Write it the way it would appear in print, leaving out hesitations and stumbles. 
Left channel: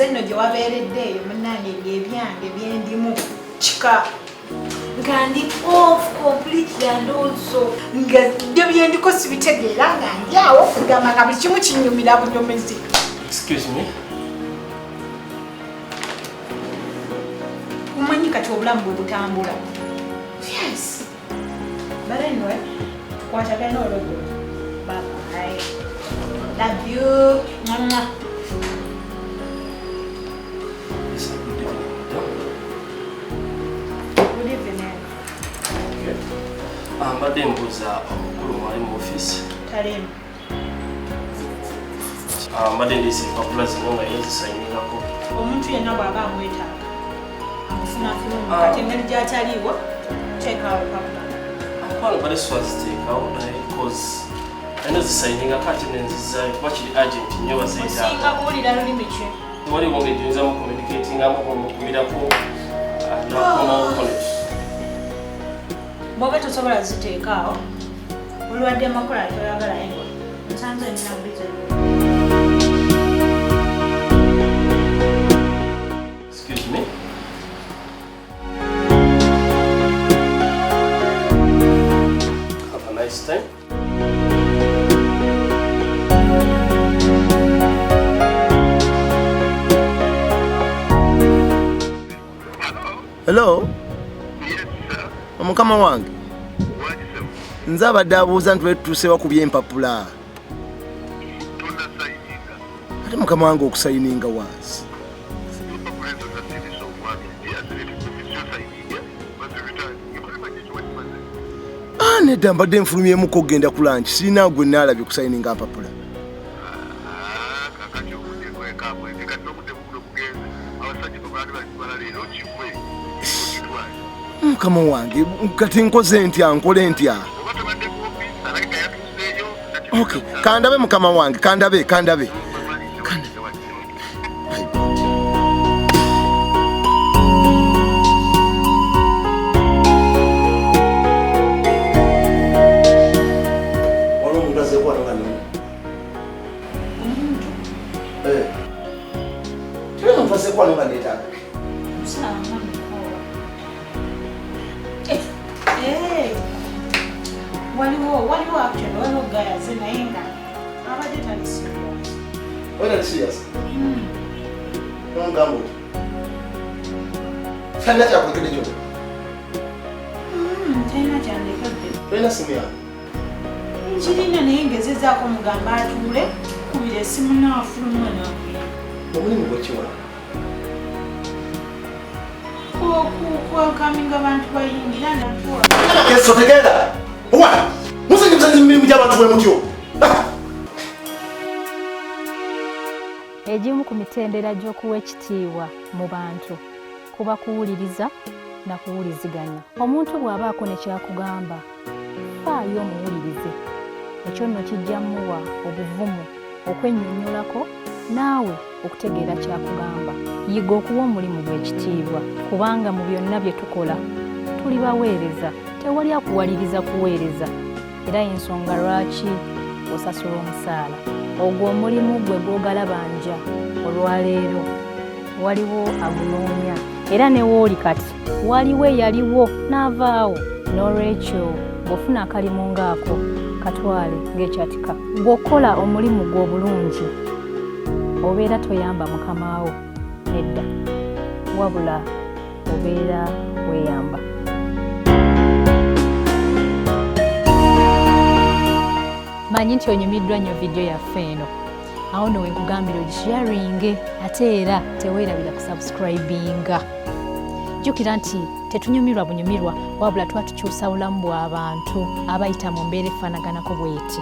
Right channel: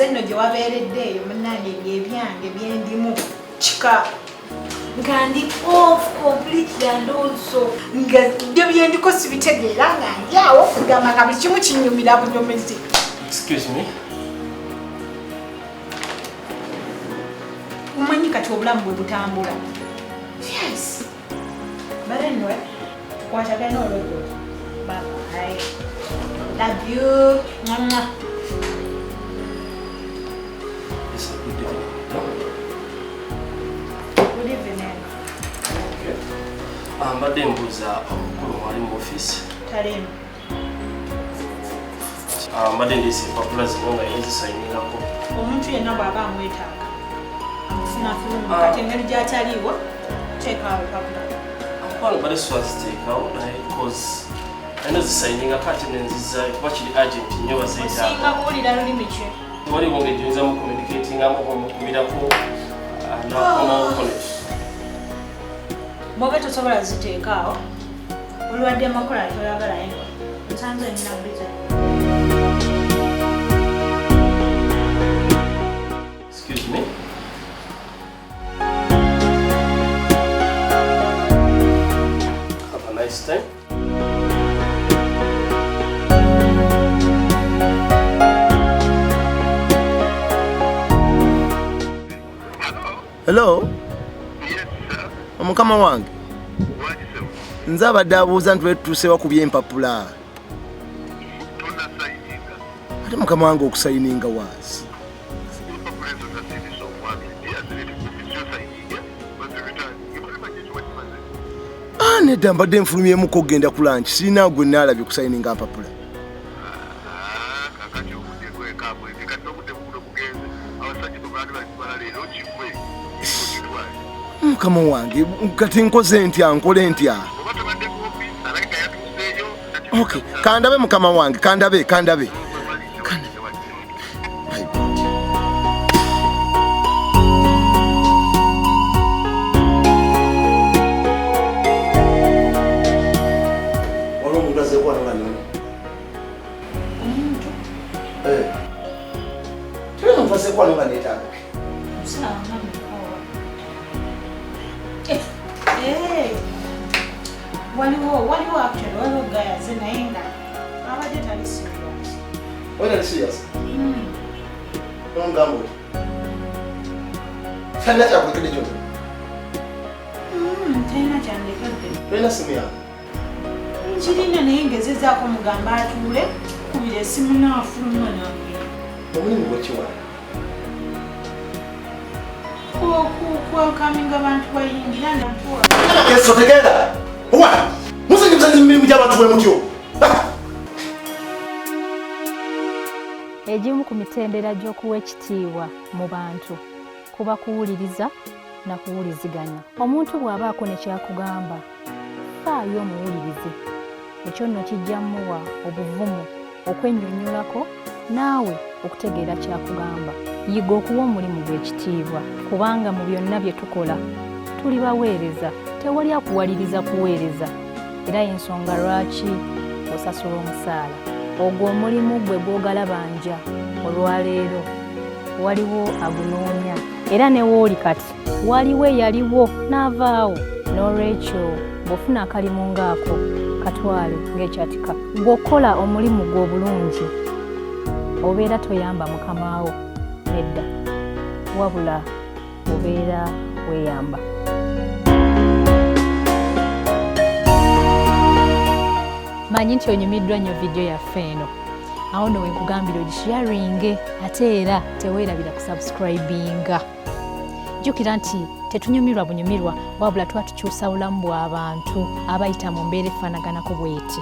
Zenno gye wabeereddeeyo munnange ebyange byendimu kika nga ndi off completely and also nga byo byendiko sibitegeera nga ndi awo kugamba nga buli kimu kinyumira bunyomezi. Excuse me. Umanyi kati obulamu bwe butambula. Yes. But anyway, kwatagana olweggo. Bye bye. Love you. Mwah. Good evening. Okay. Mbadde mbuuza omukulu mwali mu office. Talimu. Mbadde ndiisa empapula zino nga yazisayiningako. Omuntu yenna bw'aba amwetaaga amufuna fulumu kati engeri gy'ataliiwo teekaawo empapula. Ankwano mbadde siwaziteekawo naye cause ayina zisayiningako ate nenzizaayo kuba kiri agent nnyo bazeetaaga. Osinga kuwulira lulimi ki? Waliwo ngeri gy'oyinzamu communicatingamu bw'omukubirako nakonaokolet. Bw'oba tosobola ziteekaawo olwadde amakola toyagalayo ngo nsanze nnina bize. Excuse me. Have a nice time. Hello? Yes, sir. Omukama wange. What is it? Nze abadde abuuza nti wetuuse wakubye empapula. Tuna sayininga. Ate mukama wange okusayininga waasi. Empapula ezo nasirisa omwami yazirete kumisiyo sayininga bazibitali. Ekulema kyekiwa kimaze. Nedda mbadde nfulumyemuko okugenda ku lanchi sirina gwe naalabye okusayininga mpapula. Kakati obudde gwekabwezi kati n'obudde bubuno bugenze abasajja babaali bazibala leero kigwe okitwale. Mukama wange kati nkoze ntya nkole ntya? Oba tobadde ku ofiisi alayika yatuuseeyo. Okay, kandabe mukama wange kandabe. Waliwo actually waliwo gayaze naye nga abadde tali serious. Wena serious? Ngamba oti. Fanya kyakulekede kyonna. Talina kyandekedde. Tolina simu yange? Nkirina naye ngezezaako mugamba atuule kubira essimu naafuluma nagenda. Omulimu gwekiwa? Kwakaminga abantu bayingira natuwa. Keso tegenda! Owa! Musanyi musanyi mirimu gy'abantu bwe mutyo. Egimu ku mitendera gy'okuwa ekitiibwa mu bantu kuba kuwuliriza na kuwuliziganya. Omuntu bw'abaako ne kyakugamba faayo omuwulirize. Ekyo nno kijja muwa obuvumu okwennyonnyolako naawe okutegeera kyakugamba. Yiga okuwa omulimu gw'ekitiibwa kubanga mu byonna bye tukola tuli baweereza, tewali akuwaliriza kuweereza. Era ensonga lwaki osasula omusaala. Ogwo omulimu gwe gw'ogalabanja olwaleero waliwo agunoonya era ne wooli kati waliwo eyaliwo n'avaawo. N'olwekyo bw'ofuna akalimu ngaako katwale ng'ekyatika. Bw'okola omulimu gwo obulungi obeera toyamba mukamaawo nedda, wabula obeera weeyamba. Manyi nti onyumiddwa nnyo vidiyo yaffe eno, awo nno wenkugambira ogisharinge ate era teweerabira kusubscribinga. Jjukira nti tetunyumirwa bunyumirwa wabula tuba tukyusa bulamu bw'abantu abayita mu mbeera efaanaganako bw'eti.